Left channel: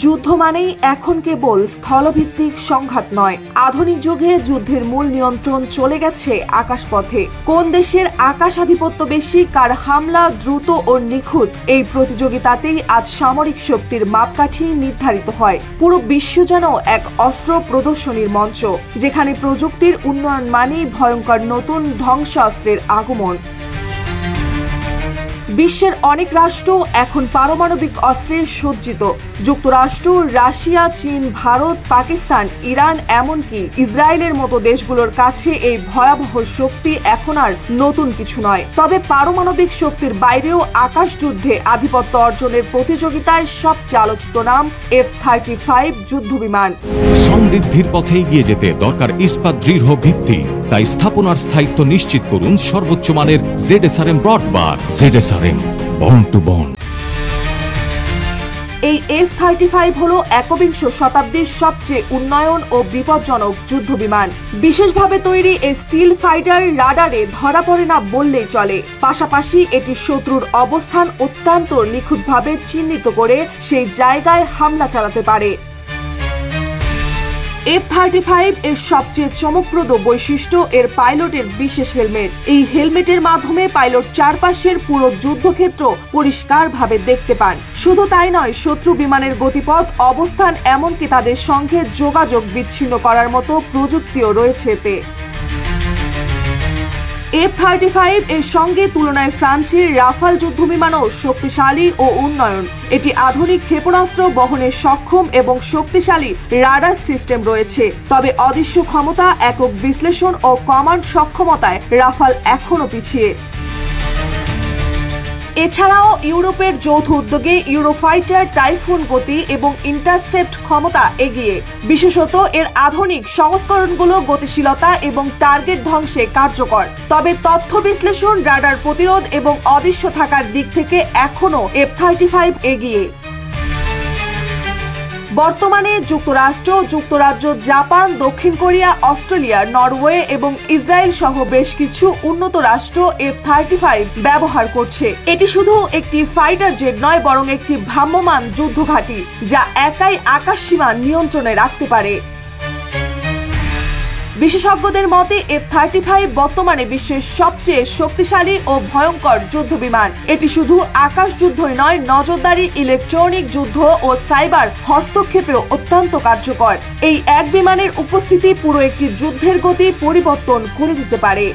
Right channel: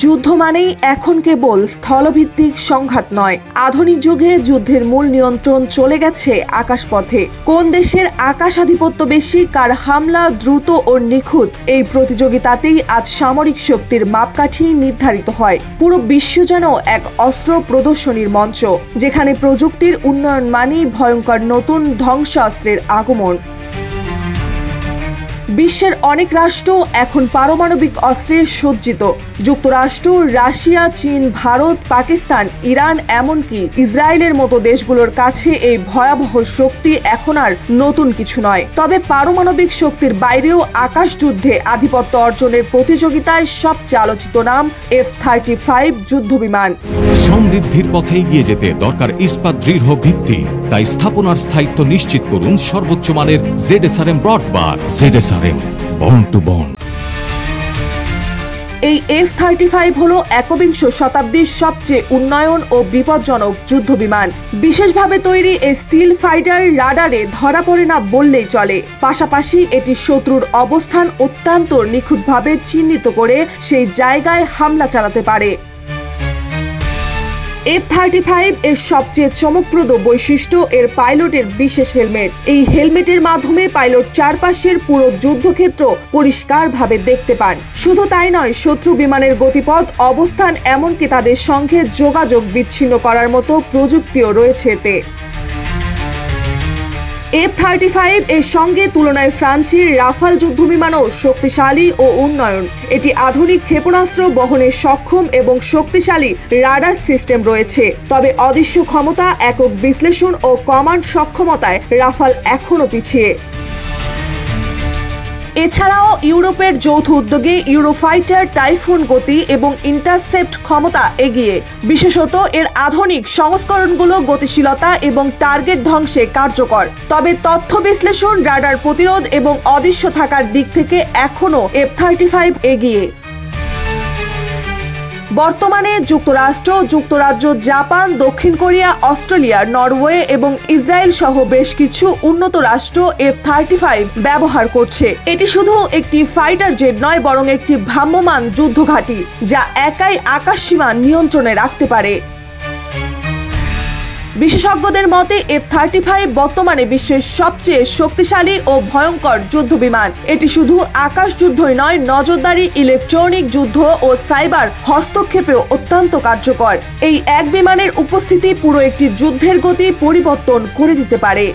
যুদ্ধ মানেই এখন কেবল স্থলভিত্তিক সংঘাত নয়, আধুনিক যুগে যুদ্ধের মূল নিয়ন্ত্রণ চলে গেছে আকাশপথে। কোন দেশের আকাশাধিপত্য বেশি, কার হামলা দ্রুত ও নিখুঁত, এই প্রতিযোগিতাতেই আজ সামরিক শক্তির মাপকাঠি নির্ধারিত হয়। পুরো বিশ্ব যেন এক অস্ত্র প্রদর্শনীর মঞ্চ, যেখানে প্রযুক্তির উন্নয়ন মানেই ভয়ঙ্কর নতুন ধ্বংসাস্ত্রের আগমন। বিশ্বের অনেক রাষ্ট্র এখন পারমাণবিক অস্ত্রে সজ্জিত। যুক্তরাষ্ট্র, রাশিয়া, চীন, ভারত, পাকিস্তান, ইরান, এমনকি ইসরায়েলের মতো দেশগুলোর কাছে এই ভয়াবহ শক্তি এখন আর নতুন কিছু নয়। তবে পারমাণবিক শক্তির বাইরেও আকাশ যুদ্ধে আধিপত্য অর্জনের প্রতিযোগিতায় সবচেয়ে আলোচিত নাম F-35 যুদ্ধবিমান। সমৃদ্ধির পথে এগিয়ে যেতে দরকার ইস্পাত দৃঢ় ভিত্তি। তাই স্থাপনার স্থায়িত্ব নিশ্চিত করুন সর্বোচ্চ মানের ZSRM ব্রডবার। ZSRM, bond to bond. এই F-35 হলো একবিংশ শতাব্দীর সবচেয়ে উন্নয়ন ও বিপজ্জনক যুদ্ধবিমান। বিশেষভাবে তৈরি এই স্টিল ফাইটার রাডারে ধরা পড়ে না বললেই চলে। পাশাপাশি এটি শত্রুর অবস্থান অত্যন্ত নিখুঁতভাবে চিহ্নিত করে সেই জায়গায় হামলা চালাতে পারে। F-35 এর সবচেয়ে চমকপ্রদ বৈশিষ্ট্য এর পাইলটের বিশেষ হেলমেট। এই হেলমেটের মাধ্যমে পাইলট চারপাশের পুরো যুদ্ধক্ষেত্র পরিষ্কারভাবে দেখতে পান। শুধু তাই নয়, শত্রু বিমানের গতিপথ, অবস্থান, এমনকি তাদের সঙ্গে যোগাযোগ বিচ্ছিন্ন করার মতো প্রযুক্তিও রয়েছে এতে। F-35 এর সঙ্গে তুলনায় ফ্রান্সের রাফাল যুদ্ধবিমানও শক্তিশালী ও উন্নয়ন। এটি আধুনিক ক্ষেপণাস্ত্র বহনে সক্ষম এবং শক্তিশালী রাডার সিস্টেম রয়েছে। তবে অদৃশ্য ক্ষমতা, একক বিশ্লেষণ ও কমান্ড সক্ষমতায় রাফাল এখনও পিছিয়ে। এছাড়াও ইউরোপের যৌথ উদ্যোগে ইউরোফাইটার টাইফুন গতি এবং ইন্টারসেপ্ট ক্ষমতা এগিয়ে। বিশেষত এর আধুনিক সংস্করণগুলো গতিশীলতা এবং টার্গেট ধ্বংসে কার্যকর। তবে তথ্য বিশ্লেষণ, রাডার প্রতিরোধ এবং অদৃশ্য থাকার দিক থেকে এখনও F-35 এগিয়ে। বর্তমানে যুক্তরাষ্ট্র, যুক্তরাজ্য, জাপান, দক্ষিণ কোরিয়া, অস্ট্রেলিয়া, নরওয়ে এবং ইসরায়েল সহ বেশ কিছু উন্নত রাষ্ট্র F-35 ব্যবহার করছে। এটি শুধু একটি ফাইটার জেট নয়, বরং একটি ভ্রাম্যমাণ যুদ্ধঘাঁটি, যা একাই আকাশসীমা নিয়ন্ত্রণে রাখতে পারে। বিশেষজ্ঞদের মতে F-35 বর্তমানে বিশ্বের সবচেয়ে শক্তিশালী ও ভয়ঙ্কর যুদ্ধবিমান। এটি শুধু আকাশ যুদ্ধই নয়, নজরদারি, ইলেকট্রনিক যুদ্ধ ও সাইবার হস্তক্ষেপেও অত্যন্ত কার্যকর। এই এক বিমানের উপস্থিতি পুরো একটি যুদ্ধের গতি পরিবর্তন করে দিতে পারে।